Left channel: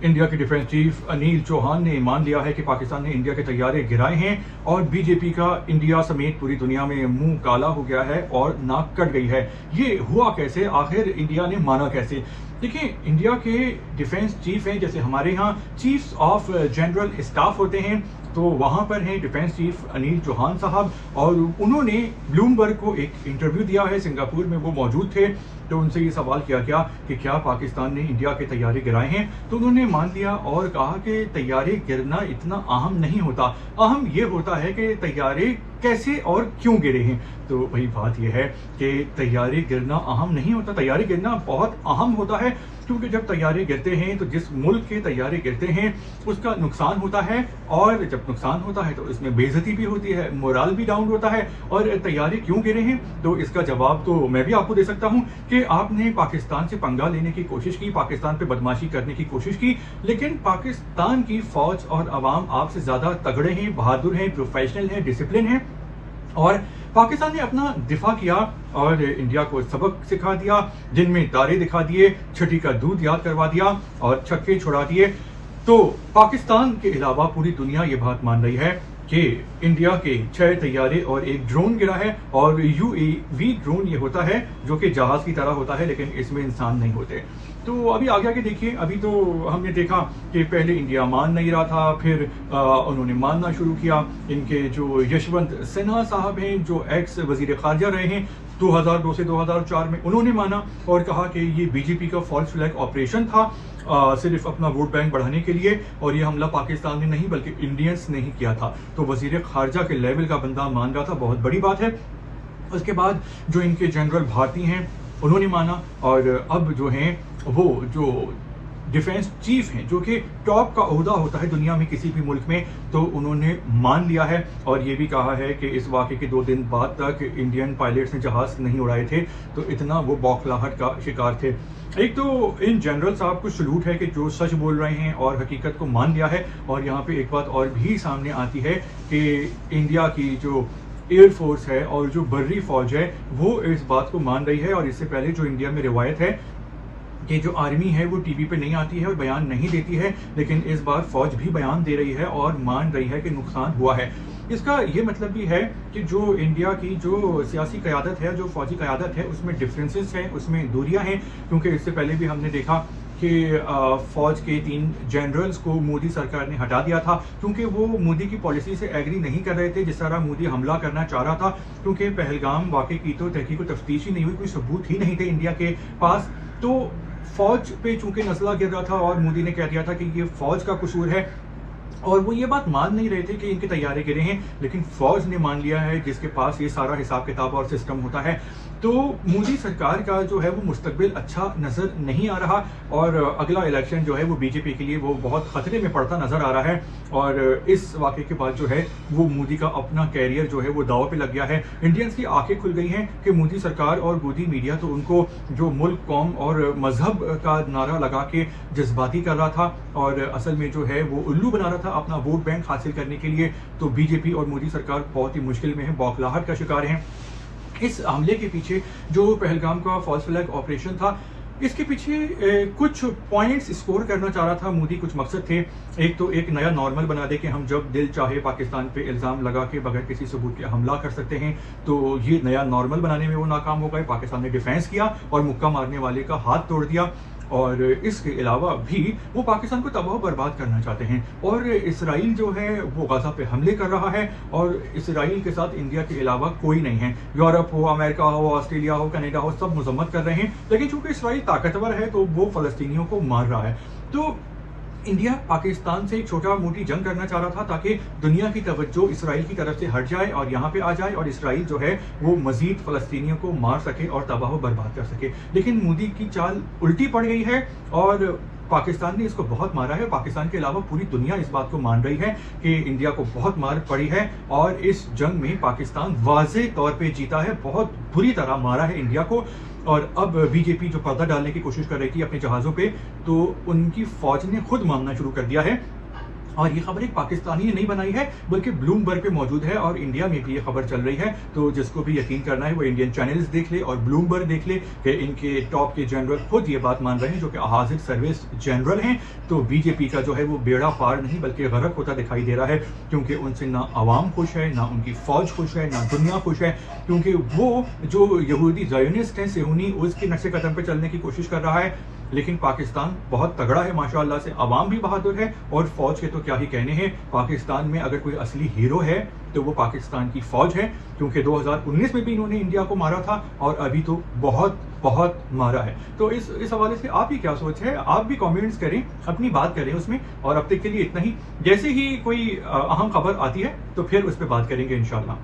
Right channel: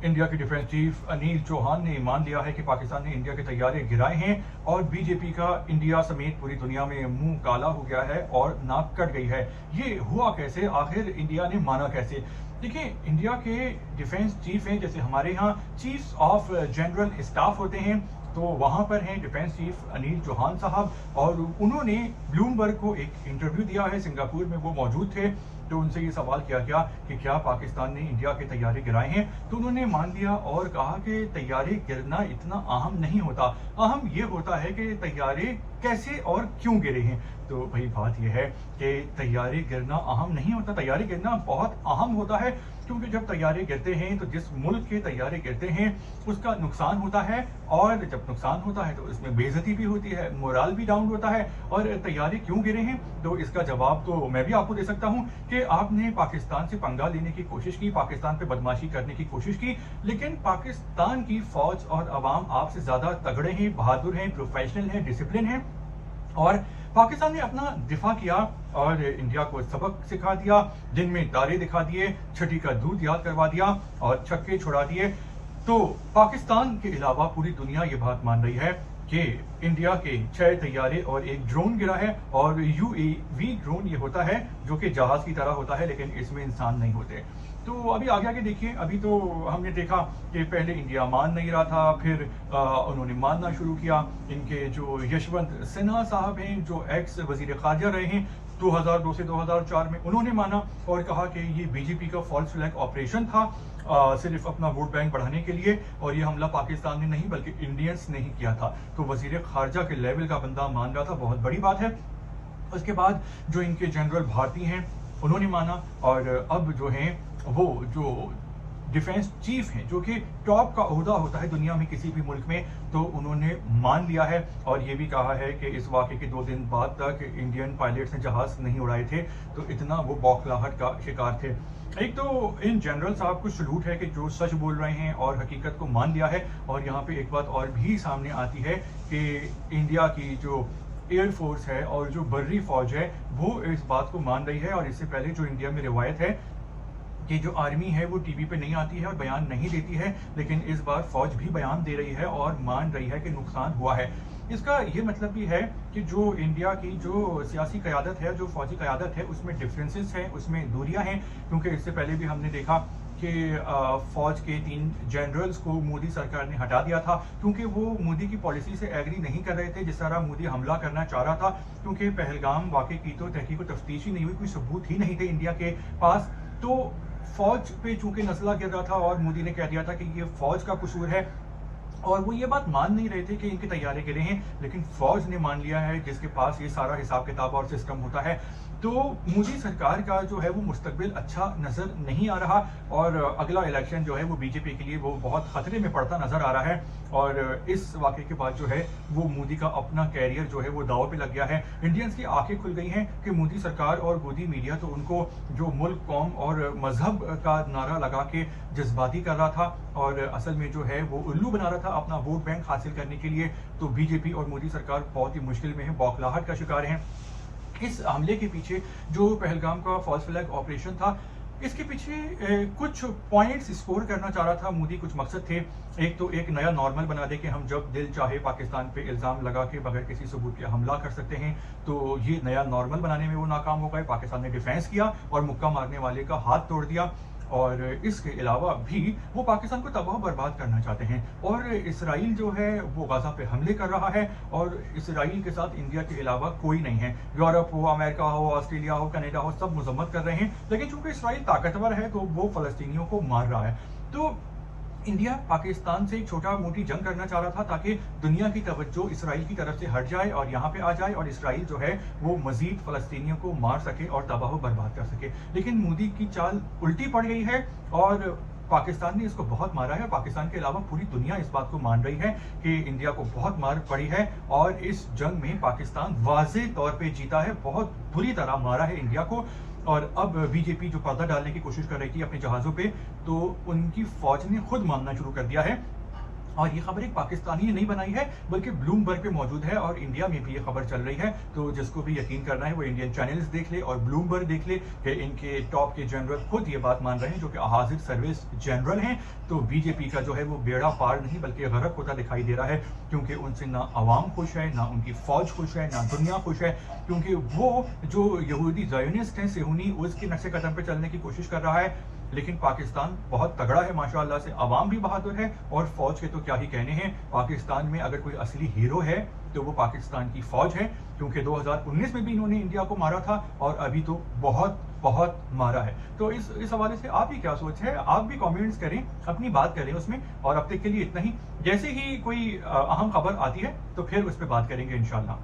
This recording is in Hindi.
इंडिया के डिफेंस चीफ अनिल चौहान ने मान लिया है कि पाकिस्तान ने इंडिया के तैयारे गिराए हैं और बीजेपी का इंडिया समेत पूरी दुनिया में मुंह काला हो गया है और नाक कट गई है। ये हुआ कैसे, आखिर इंडिया ने माना कैसे? देखिए, इंडिया के डिफेंस चीफ हैं, जैसे हमारे यहाँ चीफ्स ऑफ जनरल स्टाफ होते हैं, तो वहाँ पर हैं डिफेंस चीफ अनिल चौहान साहब, और उन्होंने ब्लूमबर्ग को एक इंटरव्यू दिया है। सिंगापुर में वो मौजूद थे, तो उनसे ये सवाल किया गया कि क्या पाकिस्तान ने इंडिया के तैयारे गिराए हैं, तो उन्होंने मान लिया और कहा कि तैयारे गिरना इतना अहम नहीं होता, अहम ये होता है कि तैयारे कैसे और क्यों गिरे हैं। तो वही बात यह है कि तैयारे गिरना अहम नहीं होता, तैयारे गिरना बहुत अहम होता है, क्योंकि जब तैयारे गिरते हैं तो जिस मुल्क के तैयारे गिरते हैं उसका नुकसान होता है, और जब नुकसान होता है तो इसमें बेइज्जती भी होती है, मोरल भी डाउन होता है। और तैयारे क्यों गिरे हैं, तो इसका जवाब तो मैं भी आपको दे सकता हूं कि आपने पाकिस्तान से पंगा लेने की कोशिश की, पाकिस्तान पे बदमाशी करने की कोशिश की, लेकिन पाकिस्तान की फौज और अवाम आपसे ज्यादा तगड़े हैं, बहादुर हैं, प्रोफेशनल हैं, डिसिप्लिन हैं, और पाकिस्तान ने अपना दिफा किया और इंडिया को सबक सिखा दिया, जिनमें तारे दिखा दिए, छठी का दूध याद करवा दिया और छक्के छुड़ा दिए। तो पाकिस्तान के अलावा पूरी दुनिया ये बात मान रही है कि इंडिया के 6 तैयारे और एक ड्रोन गिरा है, और UAV ड्रोन ये होता है जो कि जहाज की तरह होता है, लेकिन इसमें इंसान नहीं होते। तो अभी आगे आगे देखिए, अभी तो हमने देखा कि पहले इंडिया मान नहीं रहा था, फिर उन्होंने मानना शुरू किया। इनके जो यशवंत सिन्हा साहब हैं, जो एक्स वजीर खारजा रहे हैं 2002 से 2004 में, उन्होंने माना और कहा कि ये बीजेपी का फॉल्स फ्लैग ऑपरेशन था, सिर्फ अपना वोट बैंक बढ़ाने के लिए, और ये हमला पाकिस्तान ने नहीं बल्कि इंडियंस ने ही किया था। तो वजीर खारजा के लेवल का बंदा मान रहा था, बहुत बड़ी बात है। उसके बाद जो इनके जनरल भारती हैं उन्होंने माना, और अब जो हैं वो जो डिफेंस चीफ हैं, जो कि टॉप का ओहदा होता है दुनिया में किसी भी मुल्क में, तो उन्होंने मान लिया है और ये भी कहा है कि इस वाक़े के 2 दिन बाद तक इंडियन पायलट्स ने जहाज नहीं उड़ाए थे, तो इतना वो बौखलाहट का शिकार थे। एक तो इन जनरल साहब को सलूट है कि जो सच बोल रहे हैं और हकीकत को मान लिया है। और यहाँ पे एक बात और भी सामने आती है कि इंडिया की जो एयरफोर्स है और जो बर्री फौज है वो इस बात को मान रही है, और इससे पहले जो इंडिया में रिवायत है कि जो आर्मी है वो टीवी पे नहीं आती है और बयान नहीं देती है, लेकिन इस बार फौज भी बयान दे रही है और मान रही है कि नुकसान हुआ है। इसका ये मतलब भी है कि जो इंडिया की जो सियासी क़यादत है, जो फौजी क़यादत है, उसमें डिफरेंसेस हैं, उसमें दूरियां हैं, क्योंकि इससे पहले भी हमने देखा कि फौज के 3 जनरल्स को मोदी सरकार ने हटा दिया था, क्योंकि वो मोदी की पॉलिसी से एग्री नहीं कर रहे थे जिस तरह मोदी हमला करना चाह रहा था, क्योंकि पहलगाम वाक़े की तो तहकीक व तफ्तीश ही नहीं हुई, कोई सबूत ही नहीं थे इंडिया के पास। तो फौज पे चूंकि नस्ला गिर रहा था और मोदी ने कह दिया था कि ये फौज का कसूर है, और वो ये बात मान नहीं रहे थे कि इनके तैयारे गिरे हैं, लेकिन फौज ने मान लिया है जिसके पास ये सारा हिसाब किताब और सिस्टम होता है। तो मोदी सरकार का जो है वो मुस्तकबिल अच्छा नजर नहीं आ रहा, और अगला इलेक्शन जो है वो बीजेपी के लिए वो बहुत खतरे में पड़ता नजर आ रहा है। और इस वाक़े के बाद जो है वो मोदी का अपना कैरियर जो है वो दाव पे लग गया है। इंडियंस की आंखें खुल गई हैं कि मोदी सरकार और मोदी मीडिया तो उनको जो मुल्क, कौम और मजहब का नारा लगा के जज्बाती कर रहा था, और असल में जो है वो उल्लू बना रहा था अपना वोट बैंक हासिल करने के लिए। तो बीजेपी और मोदी सरकार बहुत ही मुश्किल में है, बौखलाहट का शिकार हैं। इस हमले के पीछे जो पहलगाम का फॉल्स फ्लैग ऑपरेशन था, इसके पीछे कुछ पॉइंट्स स्कोर करना चाह रहा था मोदी, कुछ मकसद थे। एक तो एक नया नॉर्मल बना दे कि हम जब दिल चाहे पाकिस्तान पे इल्ज़ाम लगा के बगैर किसी सबूत के हमला कर सकते हैं, तो ये नया नॉर्मल बनाने में वो नाकाम हो गए। पाकिस्तान ने डिफेंस किया और मुक्का मारने वाले का हाथ तोड़ दिया, और इसके अलावा भी वो पाकिस्तान को तबाह बर्बाद करना चाहते हैं। और इसराइल जो है वो गाज़ा पे हमले कर रहा है, और इसराइल के साथ इंडिया के अलावा कोई नहीं है। यूरोप हो, अमेरिका हो, ऑस्ट्रेलिया हो, कनाडा हो, सब मजम्मत कर रहे हैं, लेकिन चूंकि इसराइल ताकतवर है तो वो फ़लस्तीनियों को मार रहा है। तो इंडिया पाकिस्तान से एक छोटा मोटी जंग करना चाह रहा था ताकि दुनिया की तवज्जो इसराइल की तरफ से हट जाए और यहाँ पे आ जाए, और इसराइल जो है वो मजीद फ़लस्तीनियों को मार सके और तबाह बर्बाद कर सके। लेकिन मोदी की चाल उल्टी पड़ गई है और पाकिस्तान ने इसको बहुत मारा है। पाकिस्तान के अलावा पूरी दुनिया इस बात को मान रही है कि इंडिया को बहुत मार पड़ी है, और इस जंग में पाकिस्तान वाज़े तौर पे जीता है, बहुत बुरी तरह मारा है इंडिया को। और अब बीजेपी जो पर्दा डालने की कोशिश कर रही थी अपने जहाज़ों पे, तो उनकी फौज ने खुद मानना शुरू कर दिया है और ये खबर एक पाकिस्तानी ने नहीं बनाई है, बल्कि ब्लूमबर्ग पे मौजूद है और इंडिया में भी ये खबर चल रही है। तो जिसको भी यकीन करना है वो इंडियन चैनल्स देख ले और ब्लूमबर्ग देख ले कि इनके टॉप के जनरल खुद ये बात मान रहे हैं, जो कि हाजिर सर्विस जनरल हैं। तो बीजेपी का जो है वो बेड़ा पार नहीं बल्कि गरक होता दिखाई दे रहा है, क्योंकि उनसे ना अवाम खुश है, ना उनकी फौज खुश है, ना दुनिया खुश है, क्योंकि वो जो यहूदी ज़ायोनिस्ट हैं, सेहूनी, उसके नक्शे कदम पे चलने की कोशिश कर रहा है। लेकिन पाकिस्तान बहुत तगड़ा है माशाअल्लाह से, अवाम भी बहादुर है और फौज के तो क्या ही कहने हैं। पाकिस्तान में अगर कोई असली हीरो है तो वो पाकिस्तान की फौज है, क्योंकि 2019 में भी इन्होंने इंडिया को मारा था और अभी तो बहुत बहुत मारा है। तो इस हवाले से आपकी क्या सोच है? आप भी कमेंट्स करें, अपनी बात करें उसमें। और अब तक के लिए इतना ही। जैसे ही कोई अहम खबर आती है तो फिर उस पर बात करेंगे इंशाल्लाह।